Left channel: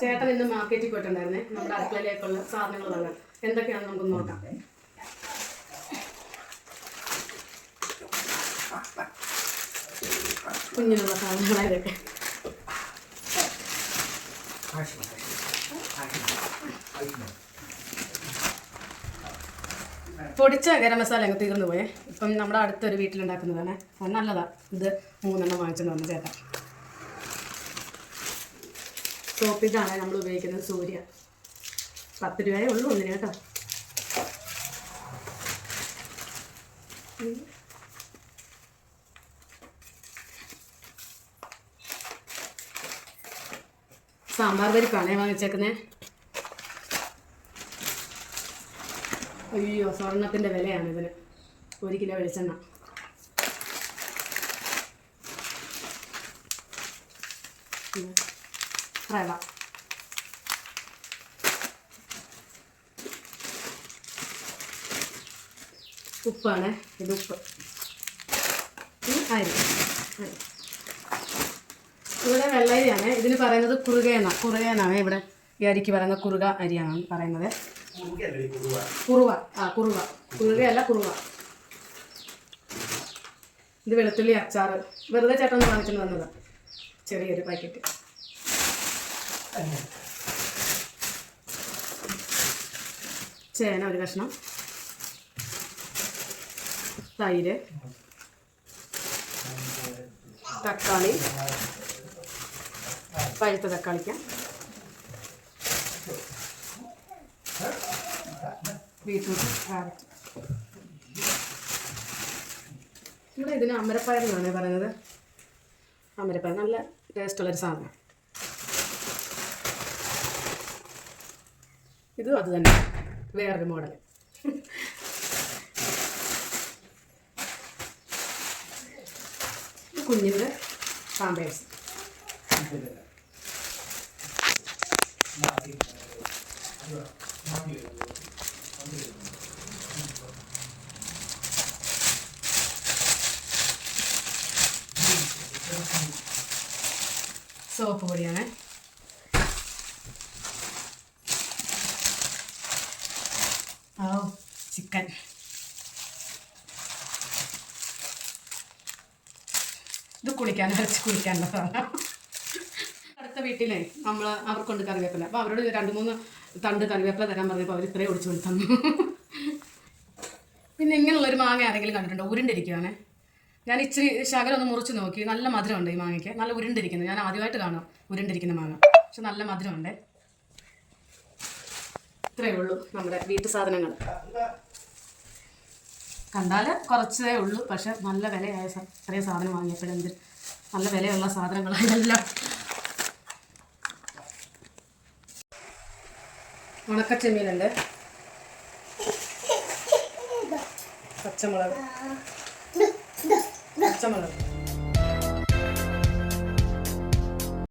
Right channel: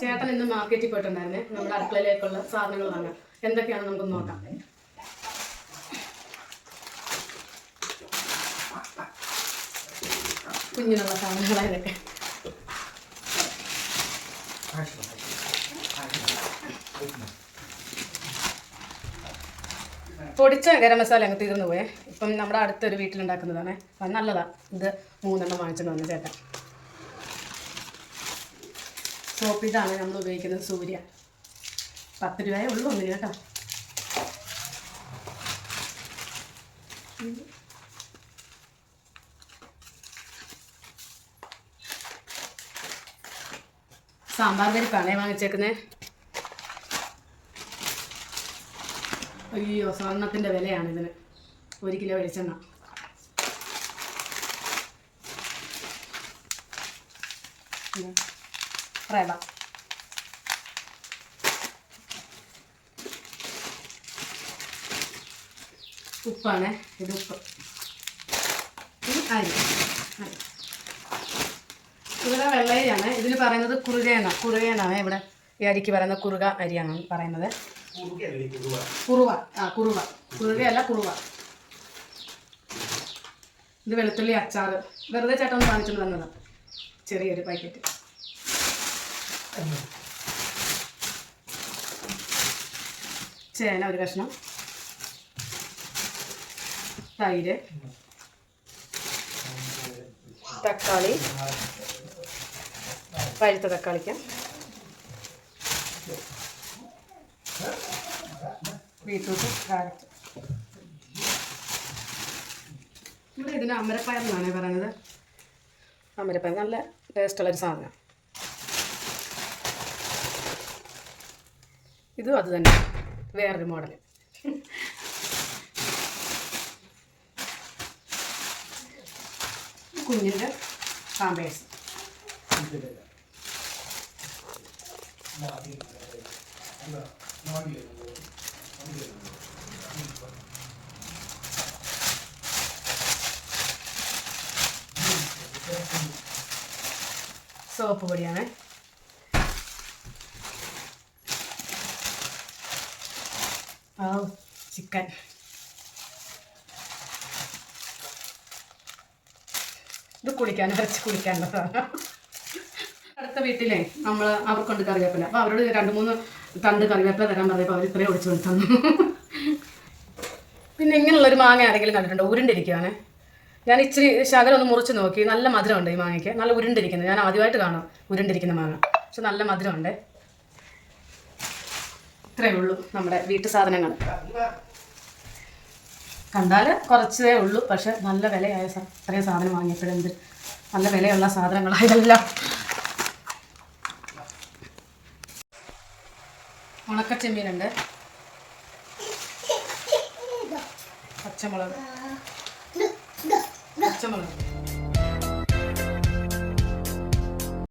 ചേട്ടൻ ഇന്ന് മാർക്കറ്റിൽ പോയിട്ടുണ്ടായിരുന്നേ. നമ്മുടെ അടുക്കളയിലേക്കുള്ള സാധനങ്ങൾ വാങ്ങാൻ എന്തൊക്കെയാണ് നമുക്ക് നോക്കാം. കുഞ്ഞിനുള്ള സാധനങ്ങളായതൊക്കെ. പൊടിച്ച ഗരം മസാല അങ്ങ് തീർന്നു പോയേ. ഇപ്പം നമ്മുടെ അടുത്തൊരു വീട്ടിലുണ്ടാക്കുന്നതാണ്. അത് നല്ലതാണ് ഇത് മൂന്നെണ്ണം വാങ്ങിച്ചു വന്നു ചേട്ടൻ. സോപ്പ് ഇതാണ് നമ്മൾ ഉപയോഗിക്കുന്നത് സൂര്യ. പത്ത് രൂപയേ ഉള്ളൂ ഒന്നിന് കേട്ടോ. സാമ്പാർ പരിപ്പാണേ വാങ്ങിച്ചേക്കുന്നേ. അയ്യോ സ്വർണത്തിന്റെ വിലയാണ് ഇതിന്. ഒരു കിലോ വെളിച്ചെണ്ണ. ഉം. റവ ഉപ്പാണ് ഇത് ഉപ്പ്. ഈ അരി. ഇവിടെ വെള്ളരിയാണ്. ഇതിന് പറയുന്നത് കുറുകയെന്ന കുറുകയെന്നാണ് ഇവിടെ ഈ അരിക്ക് പറയുന്നത് കുറുക അരിയാണ് പറയുന്നത്. കുറുവ. ആ കുറുവ. കുറുകയല്ല കുറുവ. ഇത് വെളുത്തുള്ളി അച്ചാർ വെറുതെ ചേട്ടൻ കാണിച്ചിട്ട് തന്നത് ചെറിയൊരു പാക്കറ്റ്. ചേന ഒരു കഷ്ണം. തൈര്. തക്കാളി. പഴുത്ത തക്കാളിക്ക. Beetroot carrot. ഇവിടെ ഇതിന് അമരപ്പയർ എന്നാണ് പറയുന്നത്. അമരപ്പയർ നല്ല ടേസ്റ്റുള്ളൊരു സാധനം. ഇതും അത് തന്നെ. വേറൊരു മോഡൽ കുഞ്ഞിന്റെ പാമ്പേഴ്സ്. സോപ്പ് പൊടിയാണ്. ചിക്കൻ. ഇത് കുളിക്കാൻ കുറച്ച് കുളിക്കാനുള്ള സാധനം അടുത്ത വീട്ടിലെ നമ്മൾ അവർക്കുണ്ട് കറിവേപ്പില. അപ്പോൾ അവരോട് രണ്ട് മൂന്ന് തണ്ട് കറിവേപ്പില തരാൻ പറഞ്ഞപ്പോൾ അവർ ഇത്രയും ഒഴിച്ചു കൊണ്ട് തന്നു പിന്നെ ഇങ്ങനെയുള്ളൊരു മാങ്ങ ആരെങ്കിലും കണ്ടിട്ടുണ്ടോ? ഉരുണ്ടിരിക്കുകയാണ് ഞാൻ ഇച്ചിരി ശകലം ഒന്ന് മുറിച്ച് നോക്കി. നല്ല മധുരമുണ്ട് ഈ മാങ്ങയ്ക്ക്. നല്ല ഉരുണ്ടിരിക്കുന്നത് ഞാൻ ആദ്യമായിട്ട് കാണാം ഉരുണ്ടിരിക്കുന്ന മാങ്ങ. പക്ഷെ നല്ല മധുരമുണ്ട്. ഇത്രയേ ഉള്ളൂ നമ്മുടെ വീട്ടു സാധനങ്ങൾ. കണ്ടാൽ കുറച്ചേ ഉള്ളൂ. പക്ഷെ നല്ല വിലയായ അത്രയും സാധനം വാങ്ങിയപ്പോഴെന്ത്? നല്ല വിലയുള്ള സാധനങ്ങളായതെല്ലാം ഉണക്കച്ചെമ്മീനുണ്ട്. പച്ചമുളക്. പച്ചമുളക്.